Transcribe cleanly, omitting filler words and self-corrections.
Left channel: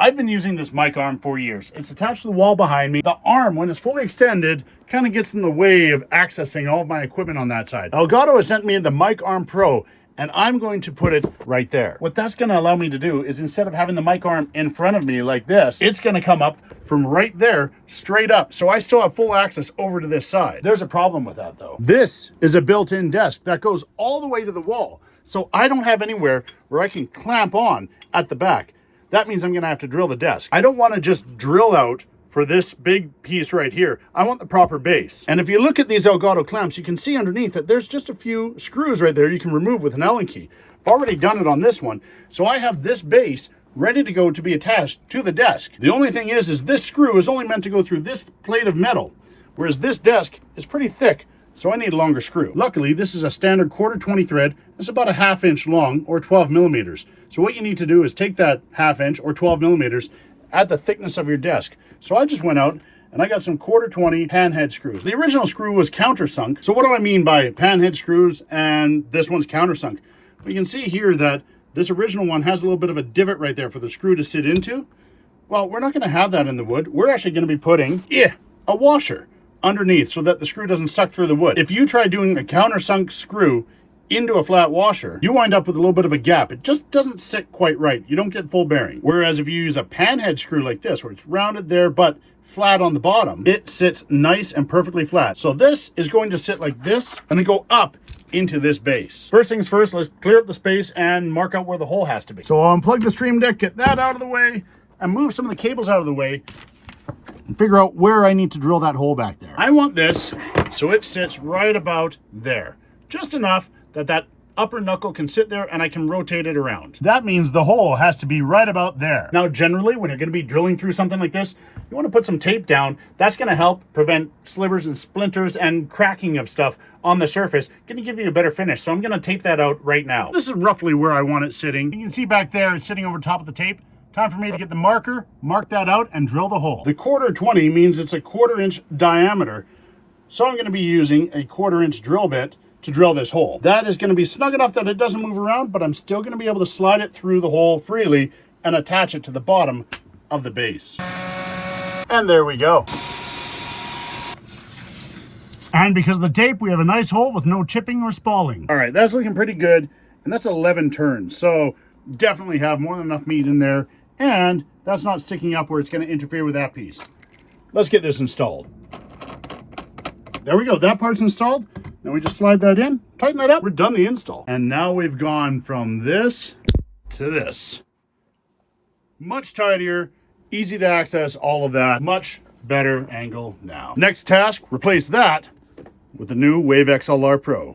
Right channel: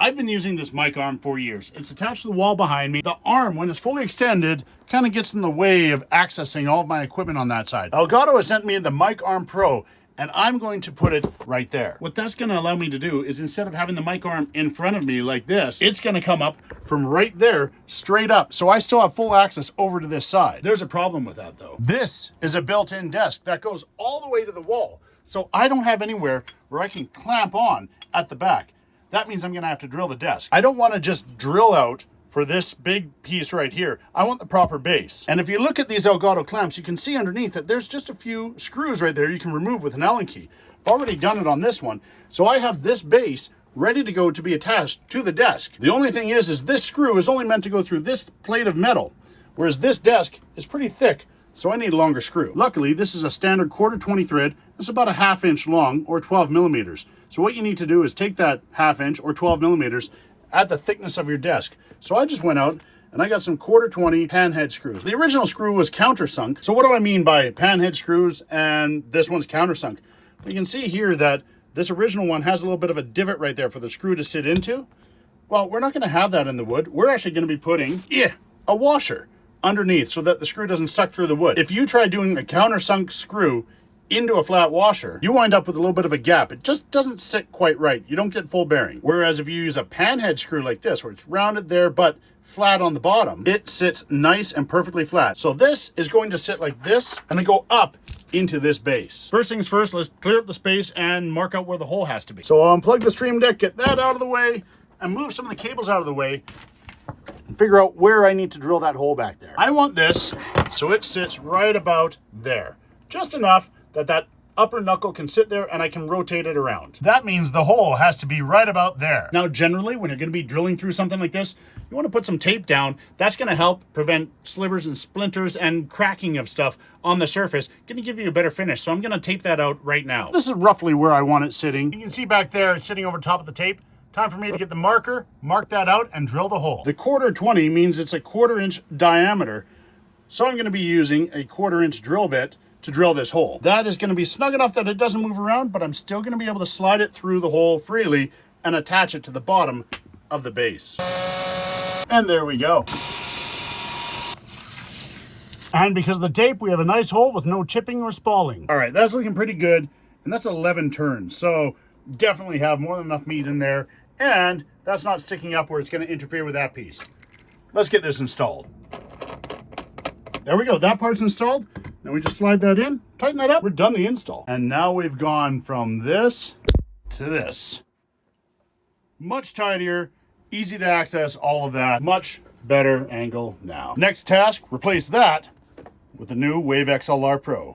I've been using this mic arm for years. It's attached to the wall behind me. The arm, when it's fully extended, kind of gets in the way of accessing all of my equipment on that side. Elgato has sent me the Mic Arm Pro, and I'm going to put it right there. What that's gonna allow me to do is, instead of having the mic arm in front of me like this, it's gonna come up from right there, straight up. So I still have full access over to this side. There's a problem with that though. This is a built-in desk that goes all the way to the wall. So I don't have anywhere where I can clamp on at the back. That means I'm gonna have to drill the desk. I don't wanna just drill out for this big piece right here. I want the proper base. And if you look at these Elgato clamps, you can see underneath that there's just a few screws right there you can remove with an Allen key. I've already done it on this one. So I have this base ready to go to be attached to the desk. The only thing is this screw is only meant to go through this plate of metal, whereas this desk is pretty thick, so I need a longer screw. Luckily, this is a standard 1/4 thread. It's about a 1/2 inch long, or 12 millimeters. So what you need to do is take that 1/2 inch or 12 millimeters at the thickness of your desk. So I just went out and I got some 1/4 panhead screws. The original screw was countersunk. So what do I mean by panhead screws and this one's countersunk? Well, you can see here that this original one has a little bit of a divot right there for the screw to sit into. Well, we're not gonna have that in the wood. We're actually gonna be putting a washer underneath so that the screw doesn't suck through the wood. If you try doing a countersunk screw into a flat washer, you wind up with a little bit of a gap. It just doesn't sit quite right. You don't get full bearing. Whereas if you use a panhead screw like this, where it's rounded there but flat on the bottom, it sits nice and perfectly flat. So this is going to sit like this and then go up into this base. First things first, let's clear up the space and mark out where the hole has to be. So I'll unplug the Stream Deck, get that out of the way, and move some of the cables out of the way and figure out where I need to drill that hole back there. I want this so it sits right about there. Just enough that that upper knuckle can sit there and I can rotate it around. That means the hole has to be right about there. Now, generally, when you're gonna be drilling through something like this, you wanna put some tape down. That's gonna help prevent slivers and splinters and cracking of stuff on the surface. Gonna give you a better finish. So I'm gonna tape that out right now. This is roughly where I want it sitting. You can see back there, it's sitting over top of the tape. Time for me to get the marker, mark that out, and drill the hole. The 1/4 means it's a 1/4 inch diameter. So I'm gonna be using a 1/4 inch drill bit to drill this hole. That is gonna be snug enough that it doesn't move around, but I'm still gonna be able to slide it through the hole freely and attach it to the bottom of the base. And there we go. And because of the tape, we have a nice hole with no chipping or spalling. All right, that's looking pretty good. And that's 11 turns. So definitely have more than enough meat in there. And that's not sticking up where it's gonna interfere with that piece. Let's get this installed. There we go, that part's installed. Then we just slide that in, tighten that up, we're done the install. And now we've gone from this to this. Much tidier, easy to access, all of that. Much better angle now. Next task, replace that with the new Wave XLR Pro.